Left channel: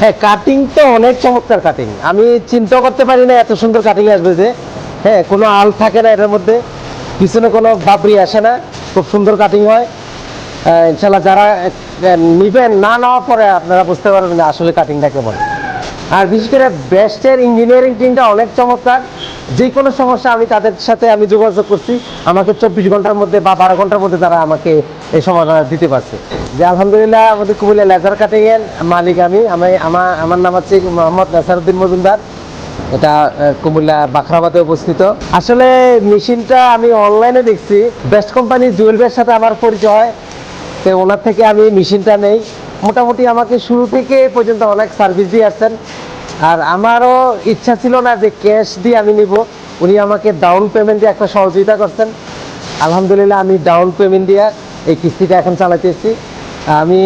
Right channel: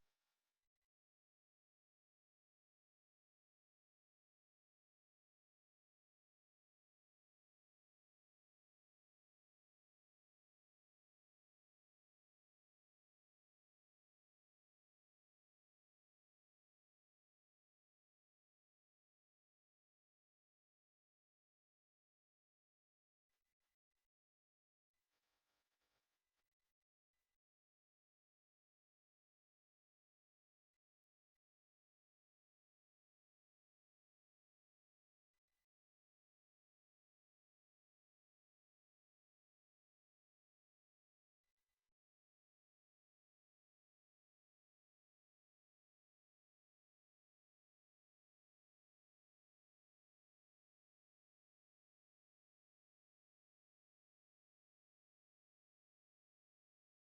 হ্যাঁ, কাটিং তো অনেক চমৎকার কাটিং। আমি চিন্তা করতে পারি না এত সুন্দর কাটিং আসবে যে। হ্যাঁ, কোনো আল থাকে না এটার মধ্যে, পিছনে কোনো বাবরি আসে না, খুব সুন্দর কাটিং হয়। ইনশাল্লাহ যারা নিবেন, না নেওয়ার পরে আপনারা বুঝতে পারবেন যে আসলে কাটিংটা কেমন। আর বিশেষ করে বেস্টের ইঞ্জিনিয়ারিং টিমটা অনেক চমৎকার। যে কোনো সমস্যা আমি তাদের সাথে আমি যোগাযোগ করছি, আমাকে 24 ঘন্টার মধ্যে বা 12 ঘন্টার মধ্যে তারা আমাকে এই সমাধান দিতে পারছে। যে আলহামদুলিল্লাহ আমাদের কুমিল্লা লেজার কাটিং এর মালিক আমার নাম হচ্ছে মোহাম্মদ নাসারউদ্দিন মজুমদার। এটা কুমিল্লা বাখরাবাদে অবস্থিত। আসলে মেশিনটা আমি অনলাইনে দেখছি, বেস্ট কোম্পানি জুয়েল ভাইয়ের সাথে আমার পরিচয় হয়, তো ওনার থেকে আমি মেশিনটা নেই। মোটামুটি আমাকে শুরু থেকে পর্যন্ত অনেক সার্ভিস দিয়ে আসছেন। আর আমারও ইচ্ছা ছিল না যে ক্যাশ দিয়ে আমি নিব, উনি আমাকে ডাউন পেমেন্ট দিয়ে একটা সহযোগিতা করছেন। আলহামদুলিল্লাহ আমি ডাউন পেমেন্ট দিয়ে এই কিস্তিটা এখন চালাতেছি। আমি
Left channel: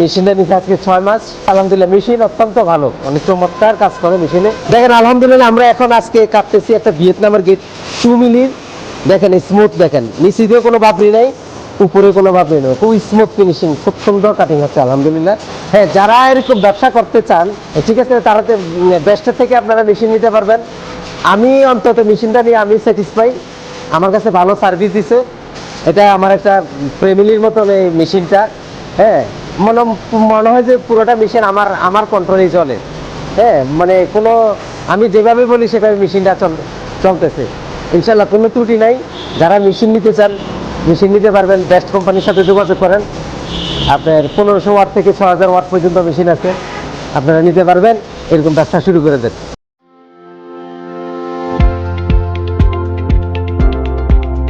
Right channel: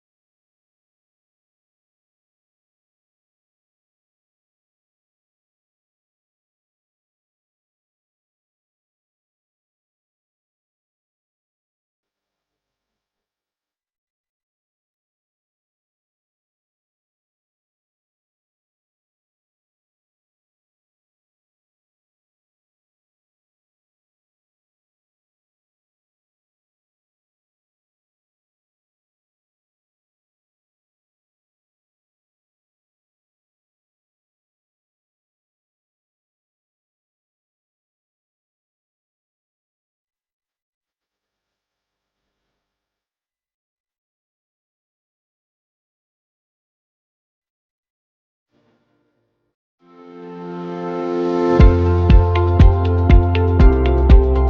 মেশিনটা নিতে আজকে 6 মাস। আলহামদুলিল্লাহ মেশিন অত্যন্ত ভালো, অনেক চমৎকার কাজ করে মেশিনে। দেখেন আলহামদুলিল্লাহ আমরা এখন আজকে কাটতেছি একটা ভিয়েতনামের গেট 2 মিলির। দেখেন স্মুথ, দেখেন নিচে দিয়ে কোনো বাবরি নাই, উপরে কোনো ভাবে নেই, খুব স্মুথ ফিনিশিং, খুব সুন্দর কাটিং হচ্ছে আলহামদুলিল্লাহ। হ্যাঁ, যারা এরকম ব্যবসা করতে চান, ঠিক আছে, তারা বেস্টের থেকে আপনারা মেশিন নিতে পারবেন। আমি অন্তত মেশিনটা নিয়ে আমি স্যাটিসফাই, আমার কাছে ভালো সার্ভিস দিছে। এটা আমার একটা ফ্যামিলির মতন এই মেশিনটা। হ্যাঁ, মনে মনে হয় যে পুরোটা মেশিন আমার কন্ট্রোলেই চলে। হ্যাঁ, মানে কোনো, আমি যেভাবে বলি সেভাবে মেশিনটা চলতেছে। ইনশাল্লাহ কোনো ত্রুটি নাই। যারা মেশিন নিতে চান, মেশিন নিতে পারবেন। বেস্ট কোম্পানির সাথে যোগাযোগ করেন। আপনার 1500 ওয়াট থেকে 6000 ওয়াট পর্যন্ত মেশিন আছে, আপনারা নিতে পারবেন। এরকম ব্যবসা শুরু করে দেন।